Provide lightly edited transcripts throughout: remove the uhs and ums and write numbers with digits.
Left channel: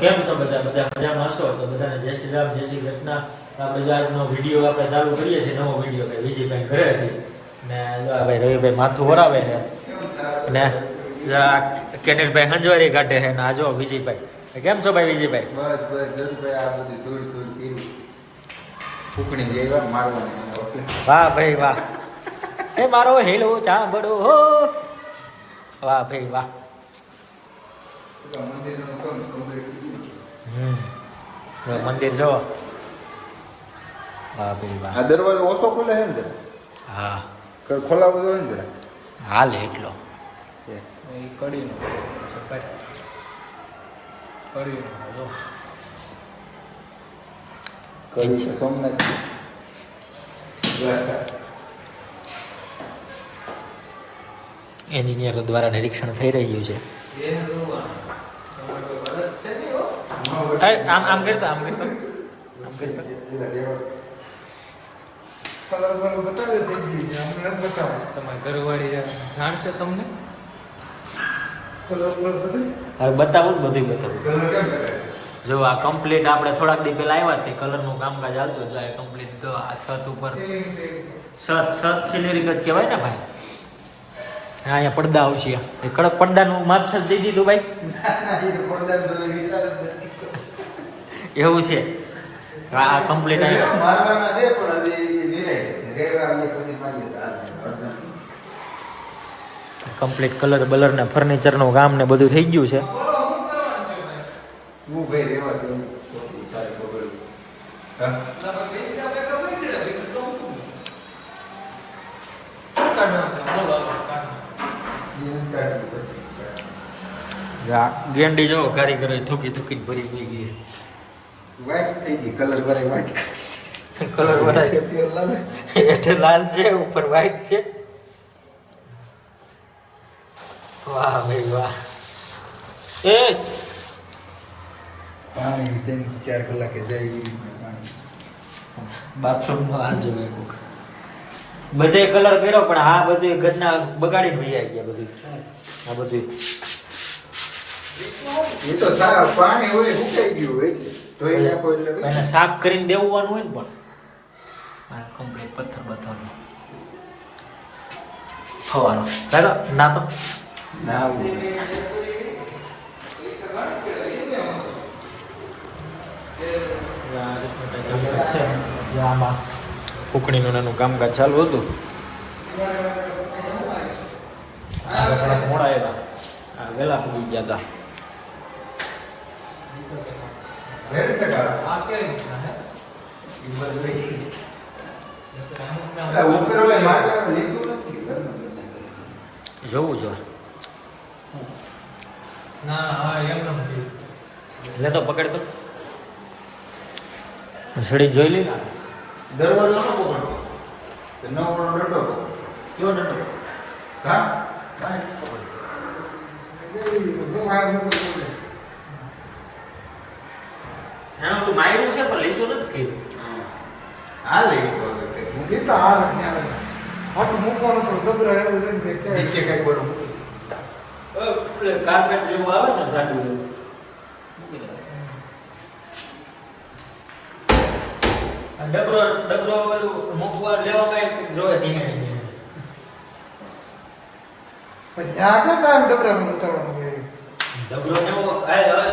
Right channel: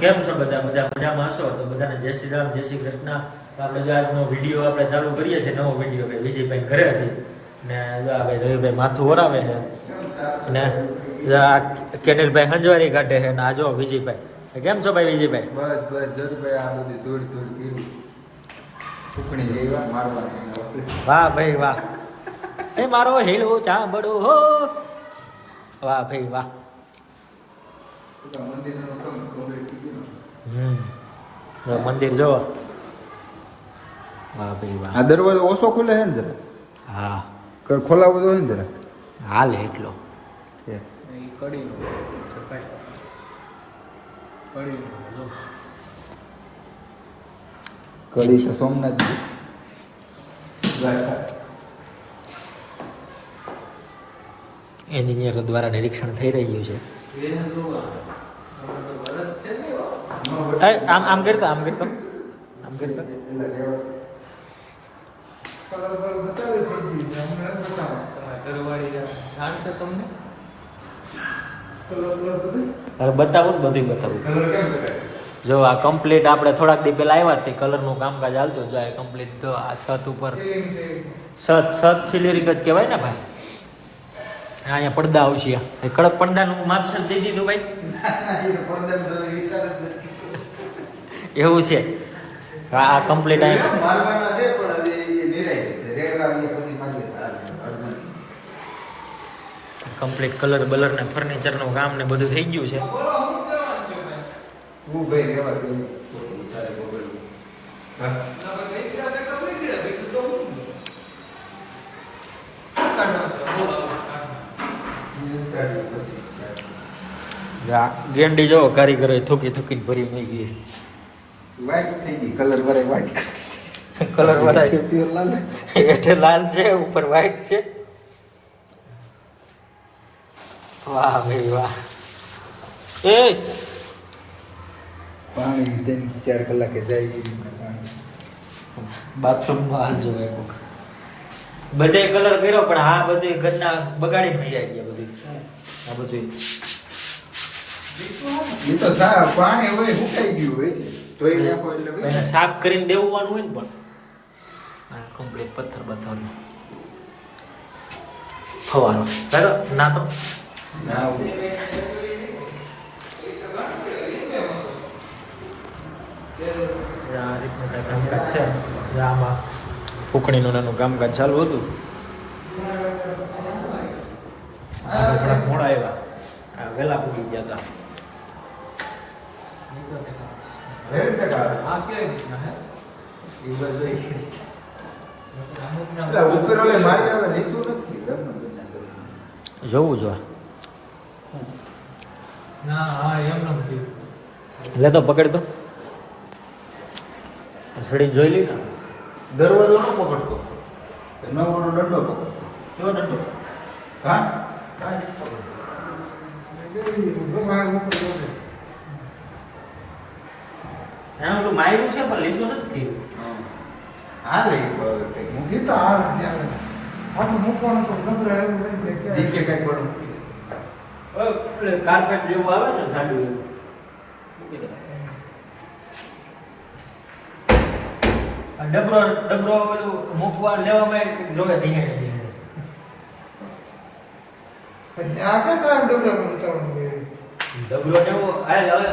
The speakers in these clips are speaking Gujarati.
કેમ છો બધા મજામાં હશો? તો બધાને જય શ્રી રામ, જય શ્રી કૃષ્ણ. આપણે જો આજનો વિડીયો આપણે ચાલુ કરીએ છીએ, નવો વિડીયો કે વિજયભાઈ ઘરે હતી ને ભાઈ રવિભાઈ માથું વરાવે છે ને કેનિલભાઈ હંજવારી કાઢે છે ને આ જો વિજયભાઈ. કેમ છો ભાઈ વિજયભાઈ? બસ બસ જરૂરભાઈ આ બધી ધૂળ કર્યું ફૂકણી જેવા મારવાની. વાહ ભાઈ વાહ, એ મારો હેલો ચાંબડો હો, વાહ ભાઈ વાહ. મંદિર જો, વાહ ભાઈ વાહ. આ દરવાજો ઓછો ખુલે છે ને જરા? હા ખોલાવો તો હોય ને જરા. હાલ એટલો સોમનાથ એન્જિનિયરો દ્વારા નિરીક્ષણ થઈ રહ્યું છે. આમ આમ કરતો આમ કરતો આમ કરતો કલર બતાવ્યો થઈ ગયું છે અમને બતાવો ઘરવાળી નાડશે તમને કલર બધું હવે બતાવું ને બધું બતાવું. કલર કેમ બતાવે? જો આ કમ્પ્લીટ આપણે થોડાક દી પહેલા આવ્યા તે કલરનું કામકાજ હાલતું જો આ કમ્પ્લીટ તો આ છત ઉપર છત સિલેરિક જ કહેવાય ને ભાઈ. હા અહીંયા પડદા આવશે, કડક પડદાનું માપસર દઈ દીધું ભાઈ. એવું છે આ કમ્પ્લીટ કમ્પ્લીટ કલર બલર ને ફર્નિચરનું કામ ને બધું થઈ ગયું છે. ગેંડી જો કારીગરો થૂકી થૂકીને ભરી મૂકી ગઈ. કલર ભરે વાઈટ કલર હેઠે લાલ છે, ઉપર વ્હાઈટ છે. વાહ ભાઈ વાહ. એ પાણી 3-4 કલાકે જાય. બાથરૂમમાં હાલ જો એક વખત બધે કલર કર્યો પણ આ બધું ઘરના બગાડી નહીં આવી ગયા બધું. આ બધું એ તો સારા પાણી હોય સુકાઈ ગયું હોય તો એને સાફ કરીને દેવાનું હોય ને પણ આ કમ્પ્લીટ પથ્થર બથ્થરનો ફવારો ચાલો ના તો ના આ રીતનું કંઈ કામકાજ છે. આમાં ફૂકણીનું નાનું કામકાજ ચાલુ હતું. થોડાક મોડા આવ્યા, વહેલા પૂરી ગયા હતા. જોવું જો ના હા એમ નથી લે તો પકડ તો સીડી જોઈ લી. દરવાજો ન પકડતો ન પકડો દંડો પકડો. કેવો નતો હા એનું તું માર્યું છે પણ લીસું નથી કર્યું. હા લે મૂકી તો હાલ મૂકવાનો તો ગદરા એવું નથી નીચે કઈ કરું કાર્પેટ જેવું આવે ને સાડું એવું મૂકી દો. આ ડબરો ઓલું મૂકવા લેવામાં એક જોવે નિહાળી પછી આ કે કામ ડબરા બંધ કરવાનું હોય ડબરો ને હવે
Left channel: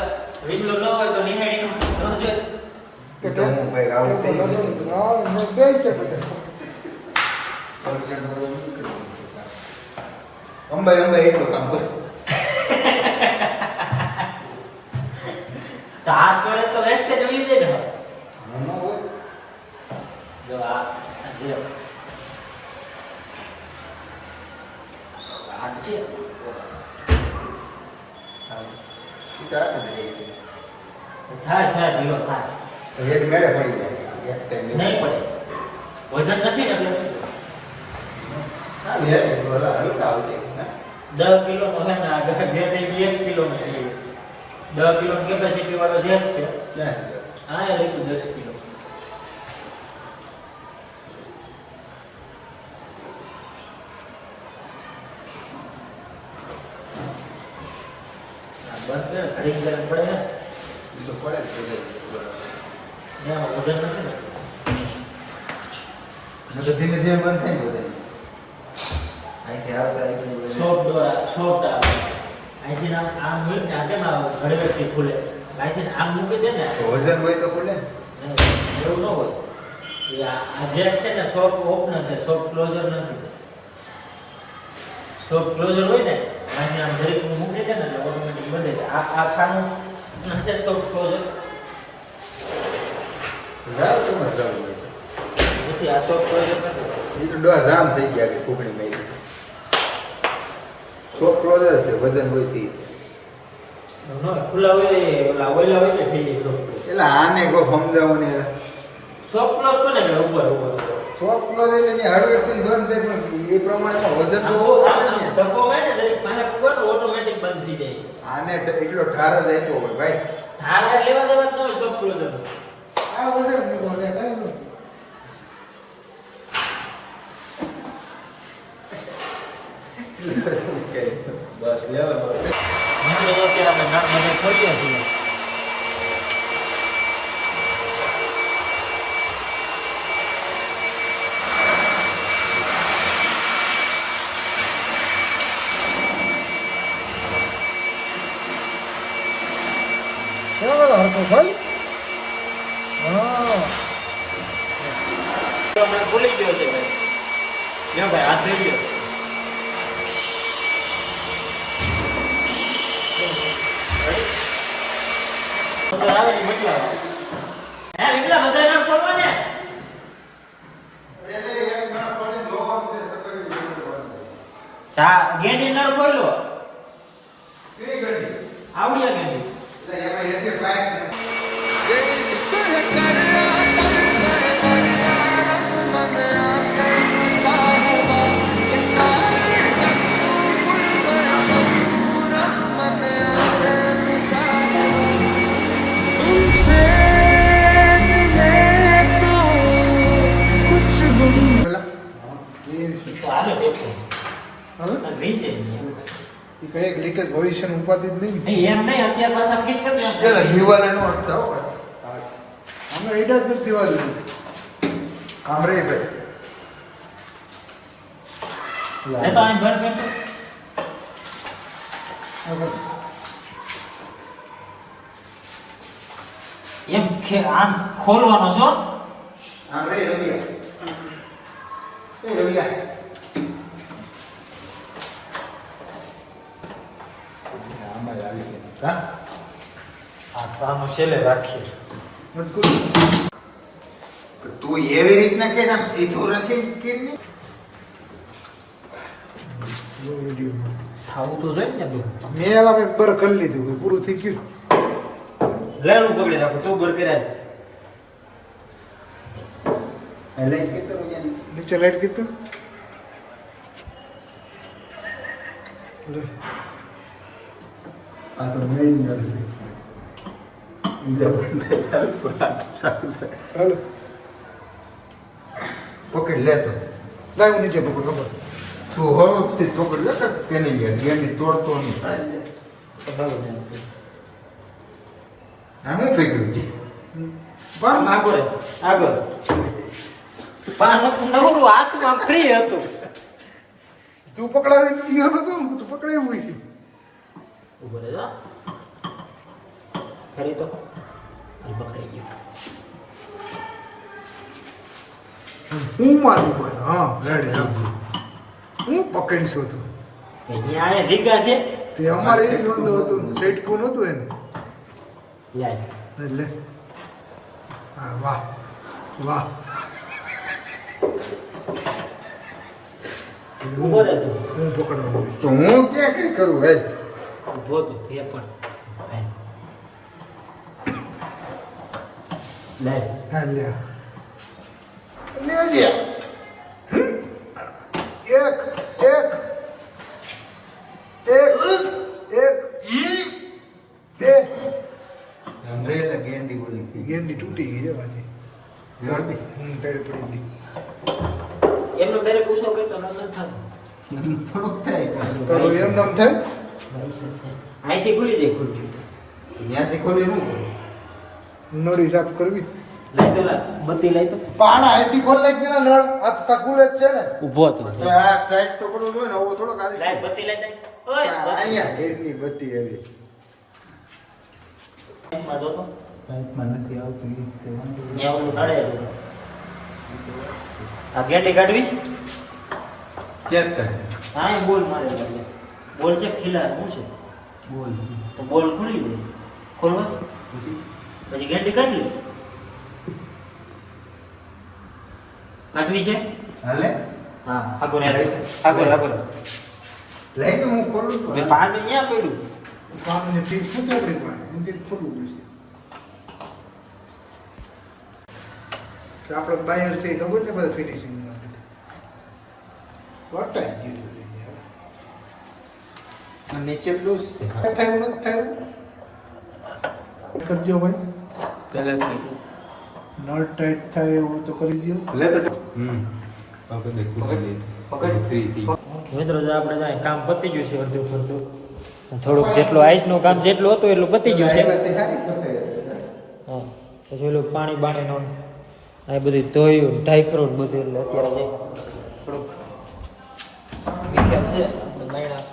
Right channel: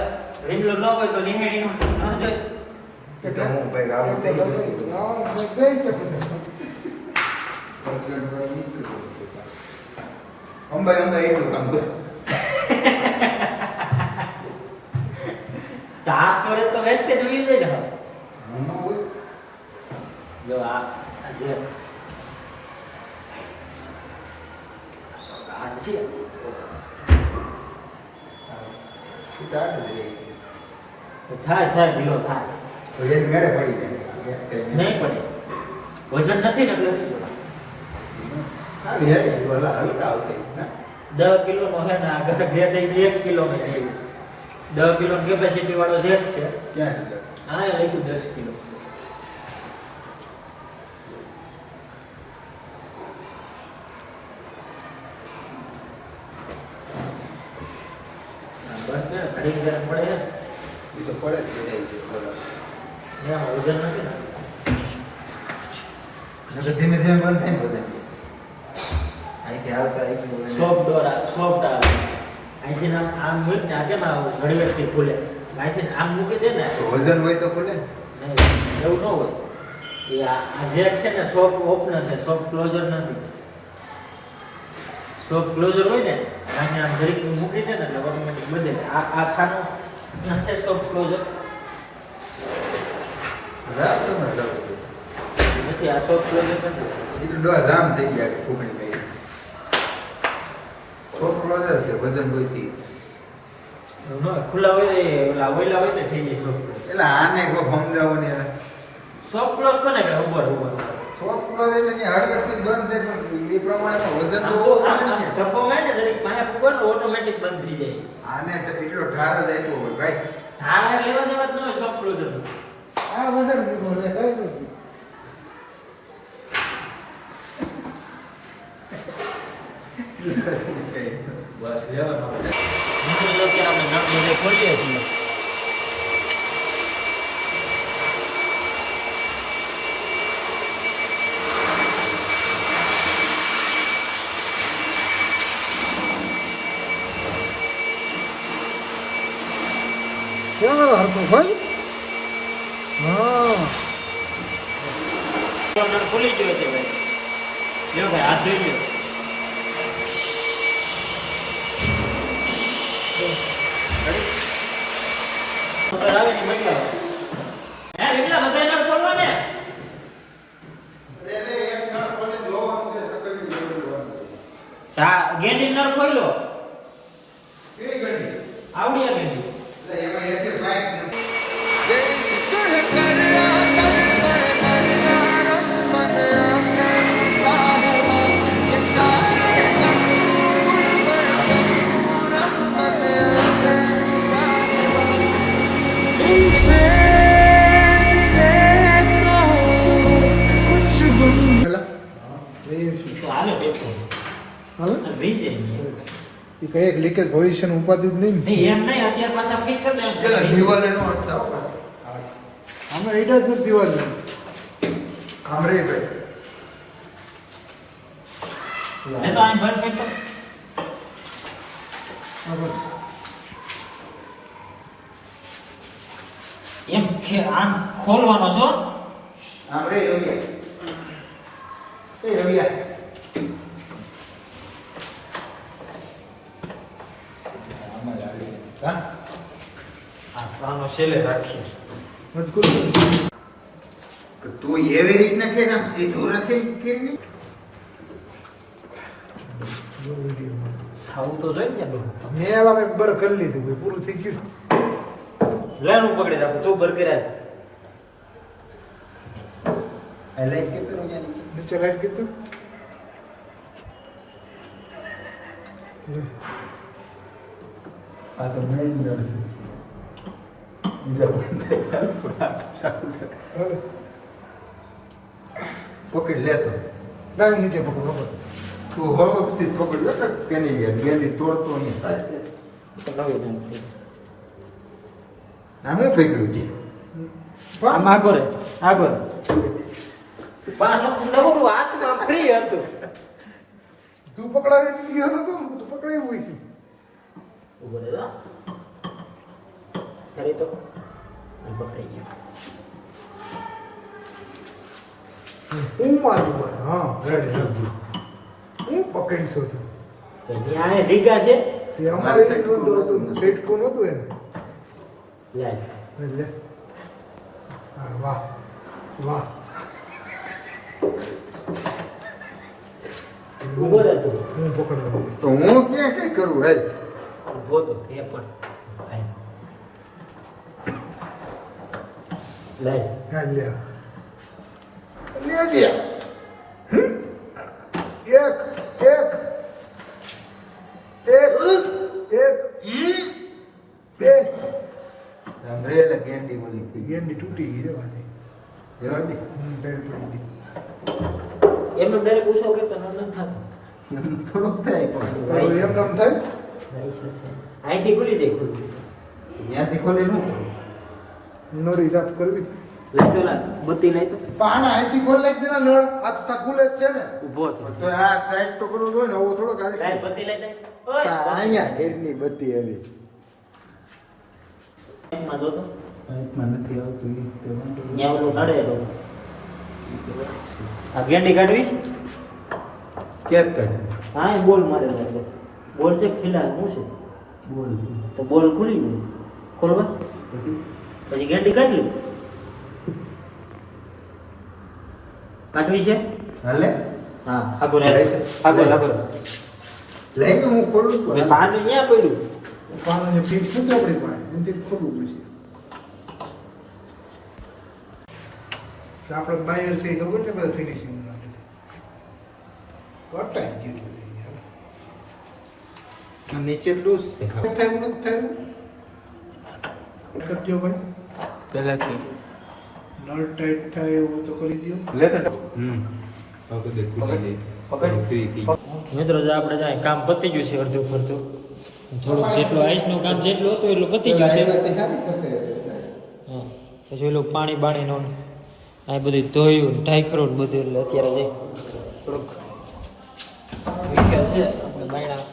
વિમલો ન હોય તો નિહાળીનું ન જોઈએ. તો હું ભાઈ આવડે થઈ ગયું બે છે બધા અંબાઈ એટલું કામ કર. તો આ સ્ટોરેજ તો વેસ્ટેજ હોઈ જાય ને. જો આ છે આ છે થાય ઢીલો થાય એક મેળે પડી જાય નહીં પડે વજન નથી ને એટલે હલકા આવતી 10 કિલો નો છે ને આગળ ઘેર થઈ 1 કિલો નો થઈ 10 કિલો કેપેસિટી વાળો છે ક્યાં હા એ લઈ 10 કિલો. બસ ઘડીક ગરમ પડે એ તો પડે જ બધાય છે, બરાબર. ને આમાં વજન નથી ને નકર ધીમે ધીમે બંધ થાય ને વજન. અહીંથી આવતા સોફ્ટ આવે અહીંથી આમ હોય ને આ કેમ ઘડવેથી ખુલે અહીંથી આમ મૂકી દે ને વજન હોય તો ખોલે ને. નહીં, એવું ન હોય એ આ જેક છે ને સોફ્ટ ઓપનર છે, સોફ્ટ ક્લોઝર નથી. સોફ્ટ ક્લોઝર હોય ને આને આમ ઘડીક મૂકી દે ને એટલે ઓટોમેટિક બંધ જાય. આ ખાનું છે સોફ્ટ ક્લોઝર જાવ તો ના જાવ. નથી, આ સોફ્ટ ક્લોઝર નથી. એ તો ડોર જામ થઈ ગયા કે ફૂગડી મેં. સોફ્ટ ક્લોઝર છે વજન હોય થી. ખુલ્લા હોય ઓલા ઓઈલા હોય ને થઈ જાય સોફ્ટ. એટલે આને કો સમજાવો ને યાર. સોફ્ટ ક્લોઝ કોને કે ઉપર ઉપર સોફ્ટ ક્લોઝર ની હળવેથી બંધ થાય પણ એ પ્રમાણે વજન તો ધક્કો મારે ને દરેક પાસે પૂગો ને ઓટોમેટિક બંધ થઈ જાય. આને તો એટલો ઠાર જ આપ્યો હોય ભાઈ. ધારા લેવા દેવા જ ન હોય સોફ્ટ ક્લોઝર. આ વજન કીધું લે કઈ બસ લેવાનો. મિત્રો જો કે આપણે નળ બધે ખોલીએ છીએ. કેવું ભાઈ નળ ખુલી ગયો છે ભાઈ. લ્યો ભાઈ હાથ ધોઈ લ્યો. મોટર આવે ને મોકલાવો. હે મોકલા બધા નળ ખોલવા ને. એટલે એક નળ ખોલી જોવાનું છે સકડી જોવાનું. તા ગેંડી નળ ખોલ્યો. એ ગણી. આવડિયા ગેંડી. એટલે એમાં એક પાઇપ નથી. તો હાલે બેઠો. હા રીજે નહીં. એ કઈ એક લીકેજ ભવિષ્યનું ઉપાધિ જ નહીં ને એમ નહીં અત્યારે પાછા ફિટ કરી એટલે નાખો. દિવાલે નો થાવ બસ. આમાં એડા જ નથી દિવાલ કામરે ભાઈ. એ તો અહીં બંધ કરી એમ આમ ખોલવાનો છો. આમ રે રવિયા. એ રવિયા. આમાં આવી છે. હા. આનો છેલ્લે રાખીએ. મજકૂર તું એવી રીતના કે આમ સીધું રાખી કેમ નહીં? વિડીયો ખાવું તો જોઈએ ને તું. મેં હવે બર કરી લીધું કે પૂરું થઈ ગયું લેનું પકડી નાખું તું બર કરે. એટલે કે કરો યાર. નીચે લાઈટ કીધું આ તો મેઇન નર છે. બીજા બંધ થાય પણ આ તો સારું છે. હાલો પકડ લેતો. લાવ નીચે પકડ પકડ તું હોમથી પકડ લે કે તેની યાર ગેંડી તોડતો નહીં. આ હું પકડ્યું છે. આમ આગળ આગળ. પાન નવરું હાથમાં ફ્રી હતું. તું પકડાવી ગયો નતો તું પકડાયું હોય છે ઉભો રહે જા. ફરી તો એ પકડાઈ ગયું. હું મારું બોલ હા રેડી હા હું પકડીશું તું અહીંયા આ જીગા છે. તે અમારે એ જ વાંધો હતું સેટ કોણ હતું એને લાય. એટલે હા વાહ વાહ ઉભો રહે તું. હું પકડાવું તો હું ક્યાં કઈ કરું હે? ઉભો તો એ પણ લાય. હા લે લેજે. એક એક એક એક બે રેલા ગેંડી બોલી થઈ ગઈ. ગેંડી તૂટી ગઈ છે પાછી ગેંડી પેડ પડી ગઈ એમનો ડાયરેક્ટ ઉછો કરતો નંદન થાય. થોડુંક થાય પણ. તો એમ નામ થાય અહીંથી ખુલી જાય ખુલી. ત્યાંથી ખોલી શું કરું નળી સાફ કરવી લઈ તો લાય બત્તી લઈ તો પાણા અહીંથી ખોલ નાખ ને નળ આ તો તકુલ જ છે ને ઊભો હતો તો આ ટાઈટ તો કરવું જોઈએ ને થોડો કાઢી લાય બત્તી લઈ દે ઓય અહીંયા ઘેરની બત્તી આવી માં જોતો પાઇપમાં નથી આવતું એ તે વાંધો નહીં. અહીંયા ઓલું નડે આ ગેંડી કાઢવી છે ક્યાં કાઢે હા એ બોલ મારેલો છે બોલ છે ખીલા શું છે બોલ તો બોલ ખુલી જાય ખોલવા પછી પછી ગેંડી કાઢી કાઢવી છે હાલે હા આગળ આગળ આગળ લઈને હું ખોલું છું. મેં પાણી અહીંયા પડ્યું પાણીને ફિક્સ નથી આપણી પાસે એમથી ખોલવું પડશે કે આપણો બાયર છે એ ખબર ને બધા ફિનિશિંગ વટાઈ ગયું બધું યાર. આ નીચે લૂઝ છે થયું નથી થયું કરજો ભાઈ પહેલાથી નળ ટાઈટ થાય એવું તો કરી દો લે તો બાપુ દેખ ખુલી પકડ. ફ્રી થઈ મિત્રો જો આપણે જાય કામ પતી ગયું છે અડધું પડતું થોડુંક જેટલું આઈસનું કામ જેટલું હતું એટલું પતી ગયું છે સારી સફેદ હા પછી ઓલું પાણી બાણીનું આ બધું ધોયું ઢાંકરું ને બધું એટલે અત્યારે જાય થોડુંક વિકેલ છે આપણે બાયણા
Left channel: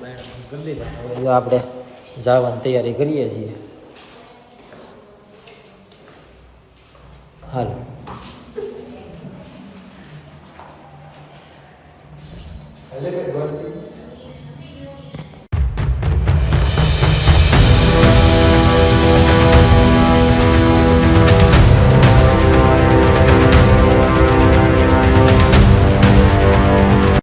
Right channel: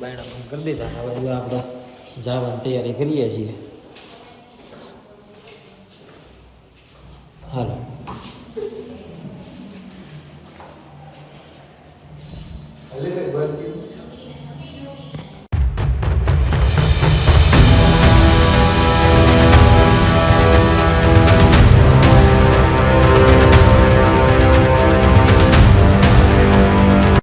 બાયણા બંધ કરી દીધા હવે જો આપણે જવાની તૈયારી કરીએ છીએ હાલો હાલે ભાઈ